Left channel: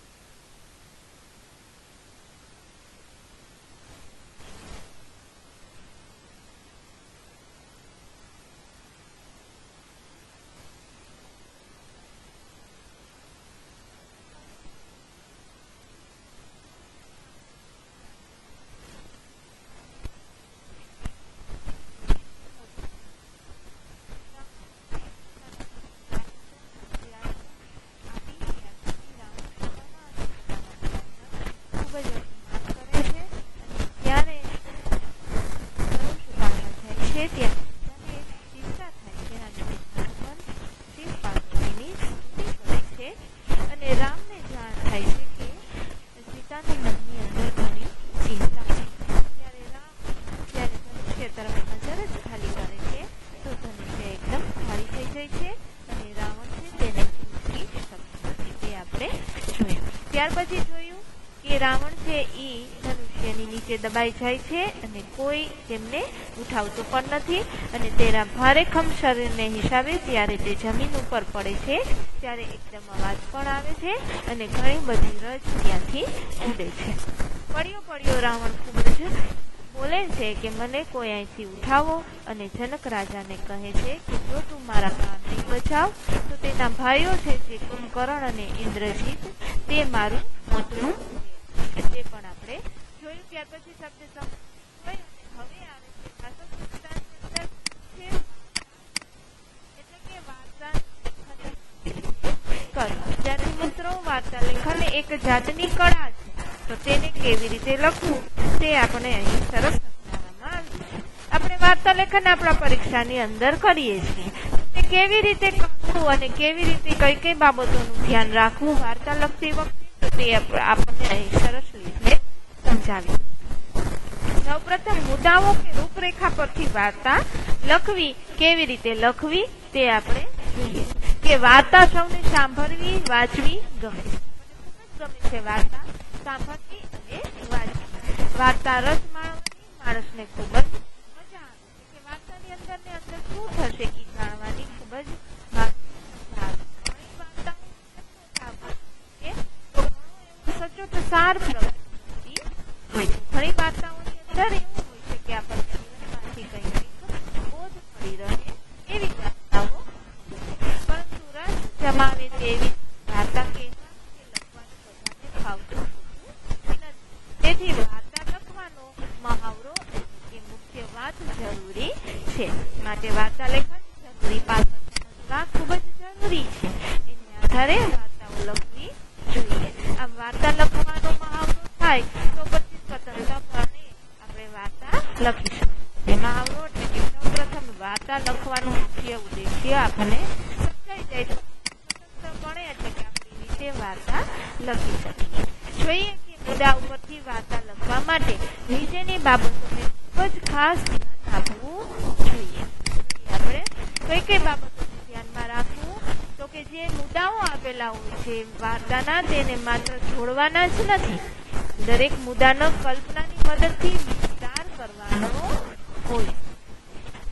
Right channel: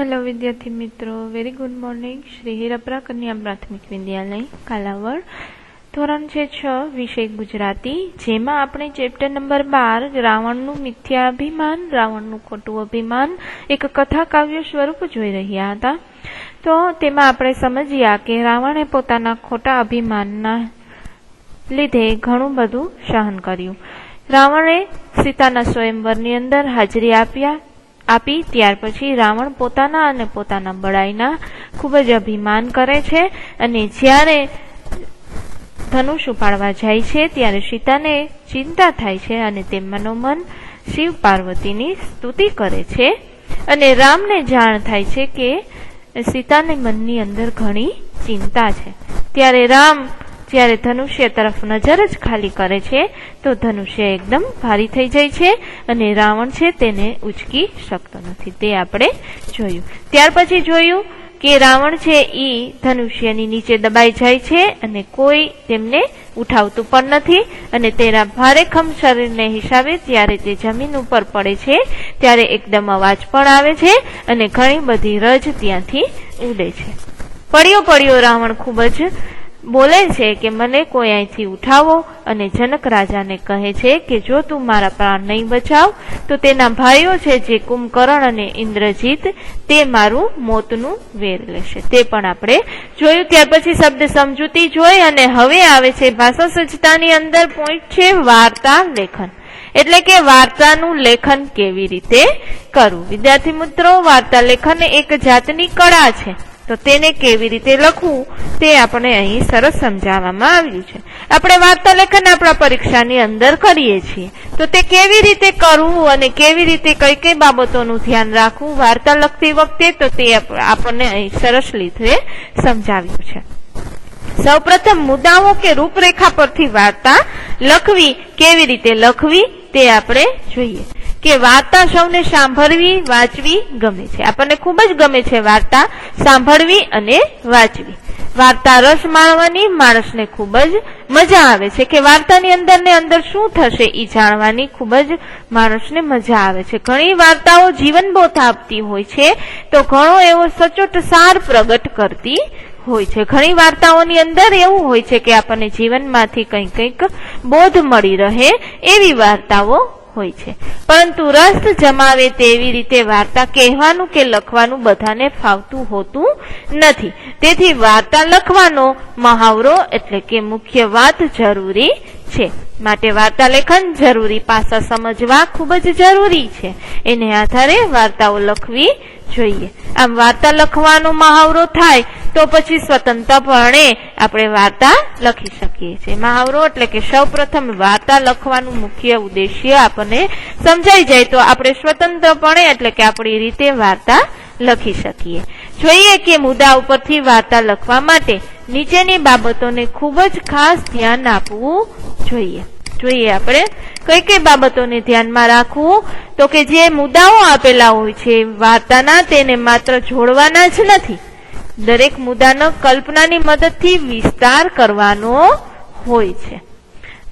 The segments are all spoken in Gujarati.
हेलो विद्यार्थी मित्रों, वेरी गुड मॉर्निंग। श्री हीरापरा कन्या प्राथमिक विद्यालय कालावड़ धोरण 6 विषय गुजराती, जेमा आपणे चेप्टर नंबर 12 रावणનું મિથ્યાભિમાન, રાવણનું ખોટું અભિમાન એક કથા કાવ્ય સ્વરૂપ જોઈ રહ્યા હતા। તો તેમાં આપણે સમજ્યા કે રાવણે પોતાના ખોટા અભિમાનના લીધે ઘણું બધું સહન કર્યું। રાવણે સીતાના સ્વયંવરની અંદર હાજરી આપી ત્યાર પછી રાવણ પોતાના અને પોતાના બળાઈના ખૂબ જ અભિમાન કરે છે અને જ્યારે ધનુષ ઉપાડવા જાય છે ત્યારે સીતાને ચિંતા થાય છે અને તે મનોમન શિવ પાર્વતીની સ્તુતિ કરે છે અને રામને જાણ થાય છે કે સીતાને મનની અંદર ઘણી ચિંતા છે। ત્યારે રામ જ્યારે ધનુષ્ય તરફ નજર જ ખાલી કરે છે તો ધનુષ્ય એકદમ ભારી થઈ જાય છે અને રાવણ છે તેને ઉચકી શકતો નથી। તે આપણે જોયું। ત્યાર પછી જોયું કે રાવણ છે એ ધનુષ્યની નીચે દબાઈ જાય છે અને કોઈ તેમને ઉઠાવતું પણ નથી અને તેના ભારેખમ શરીરને હિસાબે ત્યારે તે જમીન ઉપર પડે છે ત્યારે એકદમ અવાજ પણ આવે છે અને ઘણી બધી રજ ત્યાંથી ઉડે છે। પડ્યો રાવણ ખૂબ જ बोले छे कि मने कोई અહીંથી उठावो અને जनक राजा ने कहे छे कि जो तू मारा प्राण नहीं बचाव तो तेना भाईओ छे जे कुंभकर्ण अने इंद्रजीत ते मारू मोतनु वेर लेशे। ते पण आपणे जोयुं। त्यार पछी शब्द समजूती जोई अने हवे आवे छे भाषा सज्जतानी अंदर पॉइंट छे वार्ता लेखन, એટલે કે વાર્તાનું લેખન કેવી રીતે કરવું। વિદ્યાર્થી મિત્રો, વાર્તા લેખન એક જાતની કળા છે, તો તેને કેવી રીતે લખવું તે આપણે અહીં સરસ સમજાવવામાં આવ્યું છે। આપણે વાર્તા લેખન આપણા પરીક્ષાની અંદર કરીએ છીએ, તો તે કેવી રીતે કરવું અને કેવી રીતે કઈ કઈ બાબતોનું ધ્યાન રાખવું વાર્તા લખતી વખતે, તો તે આપણને અહીં સરસ રીતે સમજાવ્યું છે। સૌપ્રથમ મુદ્દાઓ કે રૂપરેખા પરથી વાર્તા લખવી કેવી રીતે લખવી તે આપણે જોઈએ કે વાર્તા સૌને સાંભળવી વાંચવી ગમે છે। આપણને ખૂબ જ ગમે છે વાર્તા સાંભળવી અને વાંચવી। વાર્તા રસ માણવાની માણસને ખૂબ જ મજા આવે છે કે વાર્તાની અંદર ને અંદર શું થશે એ જાણવાની ખૂબ જ માણસને મજા આવે છે। ઘણી વાર્તાઓ જીવનબોધ આપતી હોય છે તો ઘણો એવો સચોટ સાર પ્રગટ કરતી હોય છે। ઘણી વાર્તાઓની અંદર એવું હોય છે કે આપણને જીવનમાંથી કંઈક બોધ મળી રહે એવી વાર્તાઓ હોય છે, પરંતુ રસ જમાવે તેવી રીતે વાર્તા કહેવાનું કે લખવાનું બધાને ફાવતું હોતું નથી। તેથી વાર્તા લખવાનો મહાવરો એટલે કે મુખ્ય વાત જરૂરી છે। માટે વાર્તા લેખન જરૂરી, પાસા સમજવા ખૂબ જ જરૂરી છે। એને આધારે વાર્તાઓ લખવી જોઈએ। આમ વાર્તા લખવાનો મહાવરો થાય તો પછી સ્વતંત્રપણે આપણે વાર્તા લખી શકીએ છીએ। મહાવરો એટલે કે સૌપ્રથમ વાર્તા લખવાનું મુખ્ય ઉદ્દેશ્ય આપણને સમજાઈ જાય તો આપણે સ્વતંત્રપણે એટલે કે આપણી રીતે વાર્તા લખી શકીએ। જોઈએ કે મુદ્દા ઉપરથી વાર્તા લખવા માટે નીચેની બાબતોને ખૂબ જ ખાસ ધ્યાન આપવું જોઈએ। જોઈએ આપણે કઈ કઈ બાબતોને ધ્યાનમાં રાખવું, તો કે જે મુદ્દાઓ આપેલા હોય છે વાર્તાના તેને માત્ર જોડવાના જ નથી, દરેક મુદ્દાનો કલ્પનાની મદદથી વિસ્તાર કરવાનો હોય છે।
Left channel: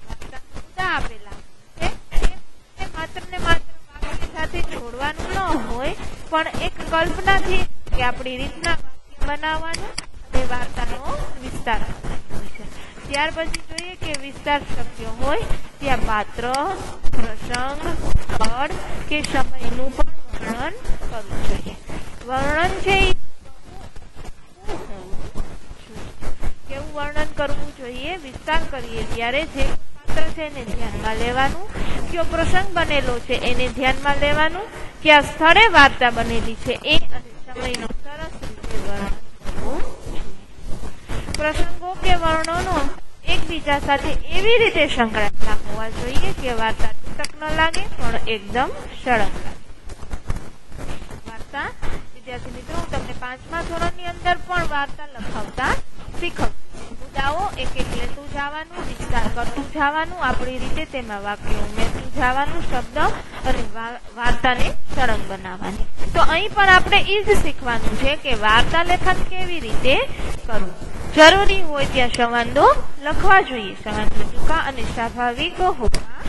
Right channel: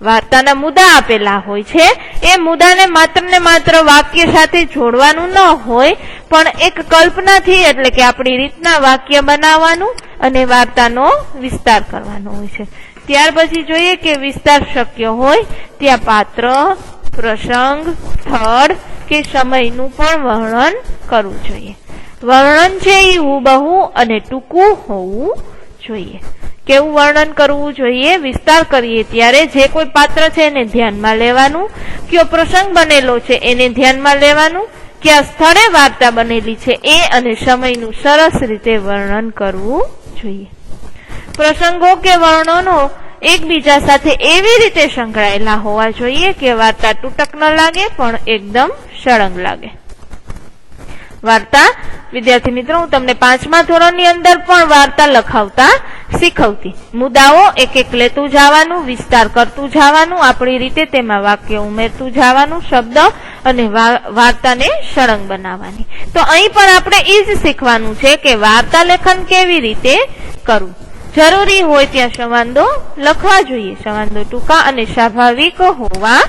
વાર્તાના મુદ્દા આપેલા હોય છે એ મુદ્દાને માત્ર ને માત્ર વાક્ય સાથે જોડવાનું ન હોય પણ એક કલ્પનાથી એટલે કે આપણી રીતના વાક્ય બનાવવાનું અને વાર્તાનો વિસ્તાર કરવાનો હોય છે। ત્યાર પછી જોઈએ કે વિસ્તાર શક્ય હોય ત્યાં પાત્ર, પ્રસંગ, સ્થળ કે સમયનું પણ વર્ણન કરવું જોઈએ। વર્ણન છે એ હુબહુ અને ટૂંકું હોવું જોઈએ। કેવું વર્ણન કરવું જોઈએ? વિસ્તાર કરીએ ત્યારે જે કોઈ પાત્ર છે એને ધ્યાનમાં લેવાનું, કયો પ્રસંગ બનેલો છે એને ધ્યાનમાં લેવાનું, કયા સ્થળે વાર્તા બનેલી છે એ અને સમયનું સરસ રીતે વર્ણન કરવું જોઈએ। પ્રસંગો કે વર્ણનો એકબીજા સાથે એવી રીતે સંકળાયેલા હોવા જોઈએ કે વાર્તા તૂટક ન લાગે પણ એકદમ સળંગ લાગે। વાર્તા વિદ્યાર્થી મિત્રો, હું તમને 5મા ધોરણની અંદર પણ વાર્તા લખાવતા શીખવતી। મુદ્દાઓ એક એક લેતું જવાનું, વિસ્તાર કરતું જવાનું, આપણી રીતે તેમાં વાક્ય ઉમેરતું જવાનું, શબ્દ અને વાર્તાને સળંગ બનાવવાની। તો અહીં પણ આપણે એ જ શીખવાનું છે કે વાર્તા લેખન કેવી રીતે કરવું। જરૂરી હોય ત્યાં સંવાદો લખવા જોઈએ। સંવાદો ટૂંકા અને સ્વાભાવિક હોવા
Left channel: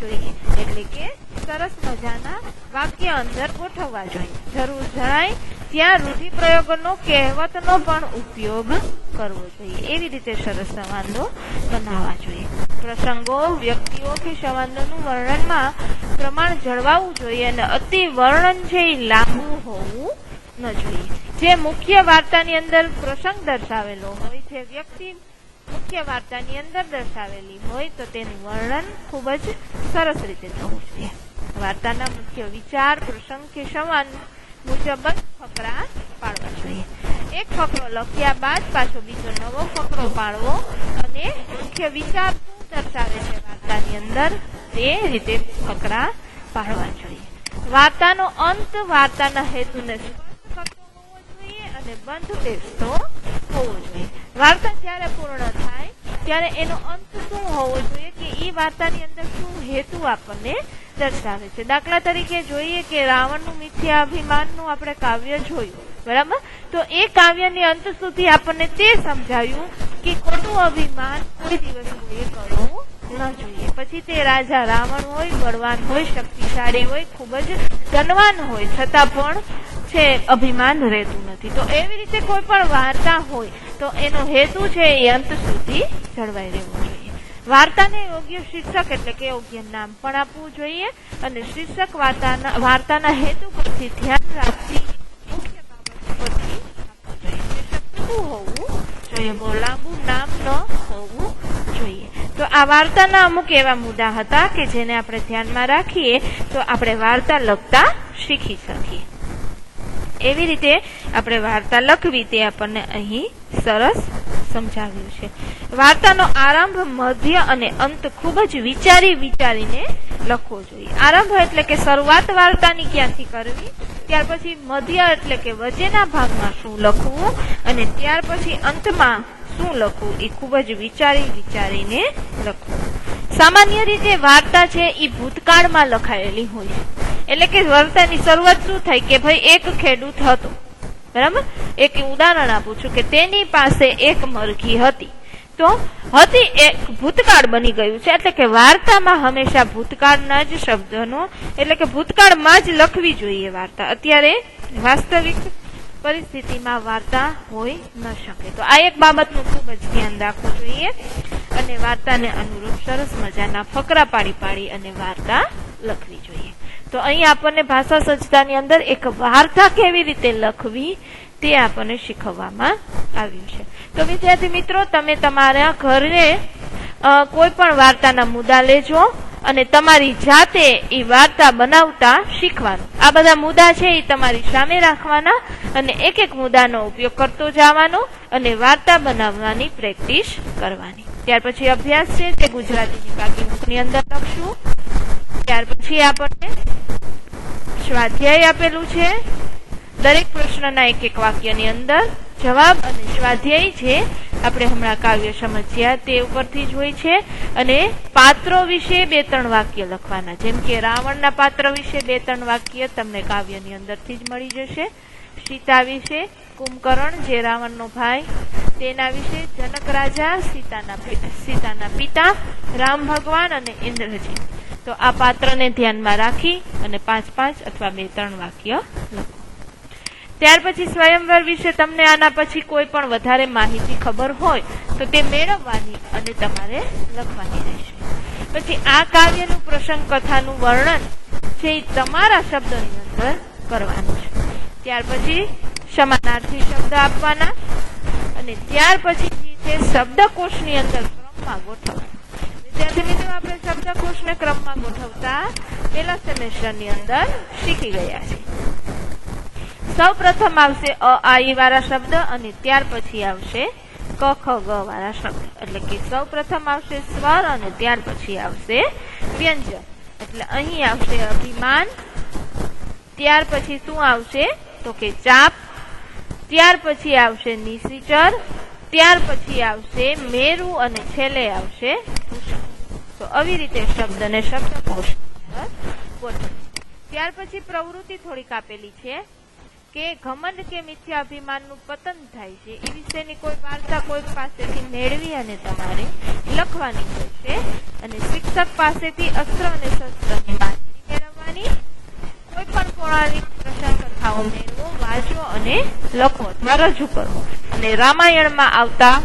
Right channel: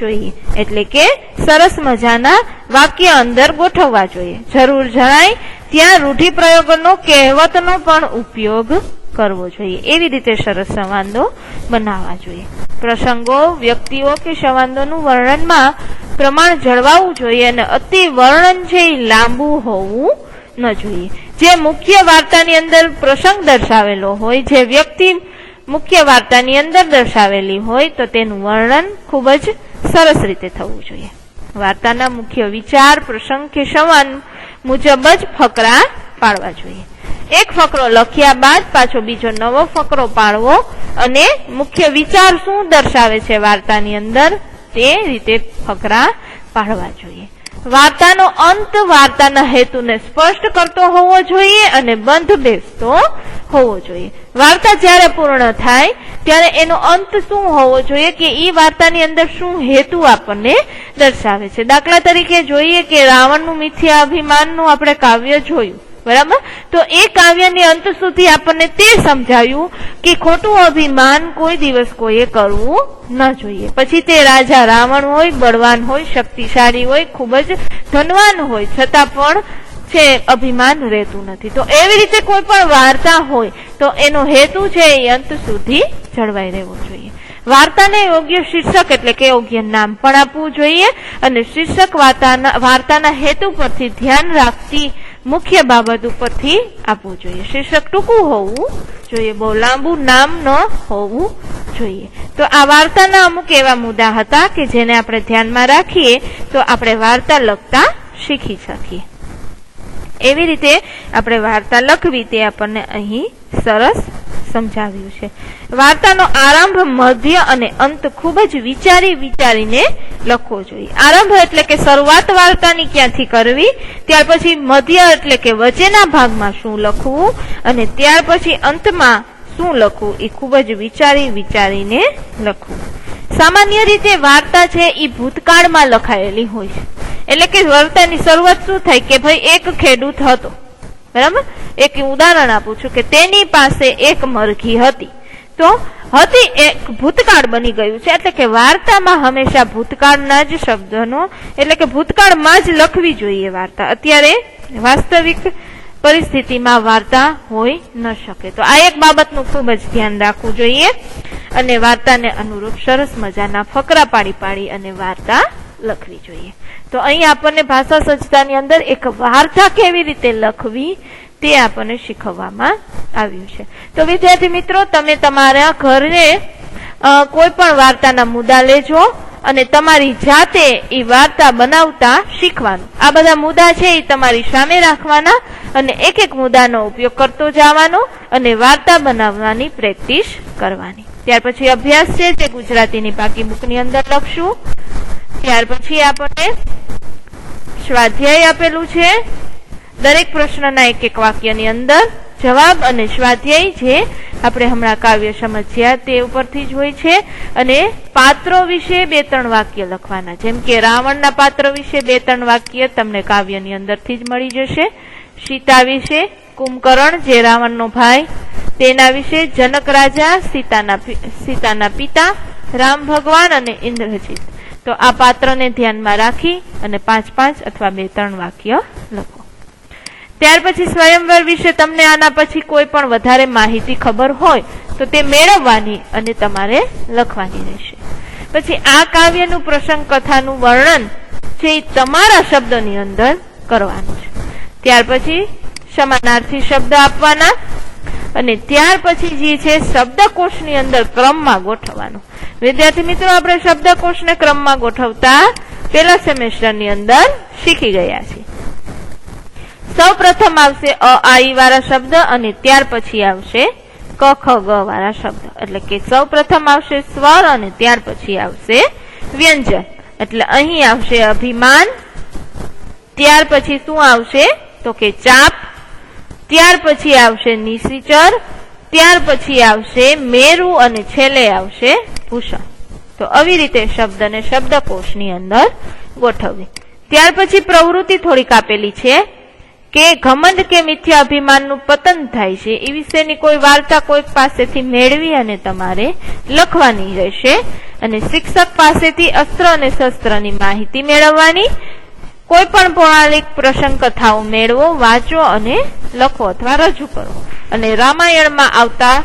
જોઈએ, એટલે કે સરસ મજાના વાક્ય અંદર ગોઠવવા જોઈએ. જરૂર જણાય ત્યાં રૂઢિપ્રયોગોનો કહેવતનો પણ ઉપયોગ કરવો જોઈએ. એવી રીતે સરસ સંવાદો બનાવવા જોઈએ. પ્રસંગો, વ્યક્તિઓ કે સંવાદોનું વર્ણનમાં પ્રમાણ જળવાવું જોઈએ અને અતિ વર્ણન છે એ લાંબુ હોવું ન જોઈએ. જે મુખ્ય વાર્તાની અંદર પ્રસંગ દર્શાવેલો હોય, જે વ્યક્તિ મુખ્ય વાર્તાની અંદર દર્શાવેલી હોય તો તેનું વર્ણન ખૂબ જ સરસ રીતે થવું જોઈએ. વાર્તાના મુખ્ય વિચાર, પ્રસંગ કે સંવાદ મુજબ જ ફકરા પાડવા જોઈએ. એક ફકરો લખ્યા બાદ પાછો બીજો નવો ફકરો પાડવો અને મુખ્ય વિચાર શું દર્શાવે છે વાર્તાની અંદર તે રીતે ફકરા પાડવા જોઈએ. વાર્તાનો અંત વાર્તાના હેતુને સ્પષ્ટ કરતો હોવો જોઈએ અને બંધ બેસતો હોવો જોઈએ. વાર્તા જ્યારે પૂર્ણ થાય ત્યારે એનો અંત શું હોવો જોઈએ કે એ વાર્તાની અંદર શું હેતુ આપણને દર્શાવે છે. દાખલા તરીકે જોઈએ કે રાવણનું મિથ્યા અભિમાનનું આપણે કાવ્ય જોયું, બરાબર? તો એ કાવ્યની અંત સુધી આપણને તે સમજાયું કે ખોટું અભિમાન કોઈ દિવસ કોઈએ કરવું ન જોઈએ. પછી તે રાજા રાવણ હોય, બળવાન હોય, શક્તિશાળી હોય, ખૂબ જ ધનવાન હોય, છતાં પણ છે અભિમાન રહેતું નથી. તો એવી રીતે કોઈ પણ વાર્તા હોય તો એનો હેતુ છે એ અંત સુધી જળવાઈ રહેવો જોઈએ. વાર્તાને યોગ્ય શીર્ષક એટલે કે યોગ્ય નામ પણ આપવું જોઈએ અને શીર્ષક વાર્તાના હેતુ પરથી ધ્યાન રાખતી મુખ્ય બાબત ઉપરથી આપવું જોઈએ. શીર્ષક ટૂંકું હોવું જોઈએ, બહુ લાંબુ નામ ન હોવું જોઈએ. તો આ વાર્તાના અમુક એવા મુદ્દા હતા કે જેને આપણે ધ્યાનમાં રાખીએ તો આપણે વાર્તા લખતા શીખી શકીએ. એવી રીતે આપણે વાર્તા લખવી તે આપણને અહીં સરસ સમજાવ્યું છે. વાર્તાનો આરંભ, મધ્ય અને અંત ખૂબ જ વિચારીને લખવો જોઈએ. આરંભ એટલે કે શરૂઆત વાર્તાની ક્યાંથી કરવી, ત્યાર પછી મધ્ય એટલે કે વચ્ચેના ભાગમાં શું લખવું અને ત્યાર પછી અંતમાં શું લખવું એ ખૂબ જ વિચારીને લખવું. સામાન્ય રીતે વાર્તા છે એ ભૂતકાળમાં લખાયેલી હોય છે. એટલે કે વાર્તાની શરૂઆત શું થાય કે ભાઈ એક ખેડૂત હતો, બરાબર? એક ઉદાહરણ આપું છું કે તેની પાસે એક મરઘી હતી. તો હતી એક ભૂતકાળ બની ગયું છે, એટલે કે વાર્તામાં હંમેશા ભૂતકાળના જ શબ્દનો એટલે કે ભૂતકાળમાં જ લખવી જોઈએ વાર્તા. અત્યારે વાસ્તવિક પરિસ્થિતિમાં વાર્તા હોઈ ન શકે. તો આ એક બાબતનું ખૂબ જ ધ્યાન રાખવું જોઈએ અને વાર્તાને અનુરૂપ સરસ મજાના ફકરા પાડી અને વાર્તા લખવી જોઈએ. તો અહીં આપણને ભાષા સજ્જતાની અંદર એક વાર્તા કેવી રીતે લખવી તે આપણને શીખવવામાં આવ્યું છે. તો વિદ્યાર્થી મિત્રો, તમે તમારા ઘરે કોઈ પણ વાર્તાના મુદ્દા લેજો અને તમારી જાતે એ વાર્તા બનાવતા શીખવાનું. આ બધા મુદ્દા છે એ તમારી સામે રાખવાના અને એક એક મુદ્દાનો ઉપયોગ કરતો જવાનો અને વાર્તા બનાવવાની પ્રેક્ટિસ કરવાની. ત્યાર પછી અભ્યાસ છે તે ગુજરાતીની પાકી બુકની અંદર લખશું. ત્યાર પછી આપણને સ્વાધ્યાય આપેલું છે. દરેક પ્રશ્નના એક એક વાક્યની અંદર જવાબ અને સ્વાધ્યાય જે આપણે હમણાં કાવ્ય સમજ્યા તે ઉપરથી જ હોય છે. અને પાત્રો વિશે 2-3 વાક્ય લખવાના. જેમ કે રાવણના પાત્ર વિશે 2-3 વાક્ય તમને કાવ્યની અંદરથી જ મળી જશે. સીતા વિશે કુંભકર્ણ જે રાવણનો ભાઈ તેના વિશે, જનક રાજા, સીતાના પિતા, રામ ભગવાન અને ઇન્દ્રજીત. તો આ પાત્રને ધ્યાનમાં રાખી અને 5-5 અથવા 2-3 વાક્ય લખો. ત્યાર પછી સ્વયંવર વિશે તમને આના પછી કોઈ પણ વધારે માહિતી ખબર હોય તો તે મેળવવાની અને તમારે લખવાની રહેશે. પછી આ કાવ્યનું પ્રસંગ કથાનું વર્ણન છે તમારા શબ્દની અંદર કરવાનું છે. ત્યાર પછી સમાનાર્થી શબ્દ આપવાના અને ત્યાર પછી જે છે શબ્દકોશની અંદર ક્રમમાં ગોઠવવાનું. વિદ્યાર્થી મિત્રો, આપણે શબ્દકોશને ક્રમમાં ગોઠવતા પહેલા સેમેસ્ટરની અંદર શીખી ગયા છીએ. સૌ પ્રથમ આવશે અ આ ઈ વાળા શબ્દ અને ત્યાર પછી આવશે ક ખ ગ વાળા શબ્દ. એટલે કે સૌ પ્રથમ આવશે સ્વર અને ત્યાર પછી આવશે વ્યંજન. એટલે અહીં આવશે અભિમાન, ત્યાર પછી શું આવશે તો કે ચાપ, ત્યાર પછી આવશે નિશિચર, ત્યાર પછી આવશે મેરુ અને છેલ્લે આવશે ભૂષણ. તો આવી રીતે શબ્દને શબ્દકોશની અંદર ગોઠવવી. ત્યાર પછી પ્રવૃત્તિ થોડીક આપેલી છે કે ઘમંડ કે મિથ્યા અભિમાનનું પતન થાય છે એ વિશેની કોઈ વાર્તા કોઈક પાસેથી મેળવી અને તમારે લખવાની રહેશે. અને શિક્ષક પાસેથી અસ્ત્ર અને શસ્ત્રની માહિતી મેળવવાની. કોઈ પણ પૌરાણિક પ્રસંગ કથાઓ મેળવો, વાંચો અને લખો અથવા રજૂ કરો. અને રામાયણમાં આવતા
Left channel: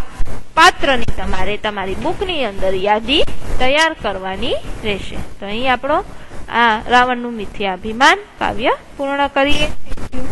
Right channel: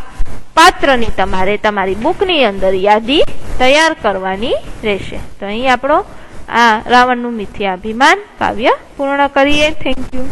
પાત્રની તમારે તમારી બુકની અંદર યાદી તૈયાર કરવાની રહેશે. તો અહીં આપણો આ રાવણનું મિથ્યાભિમાન કાવ્ય પૂર્ણ કરીએ. Thank you.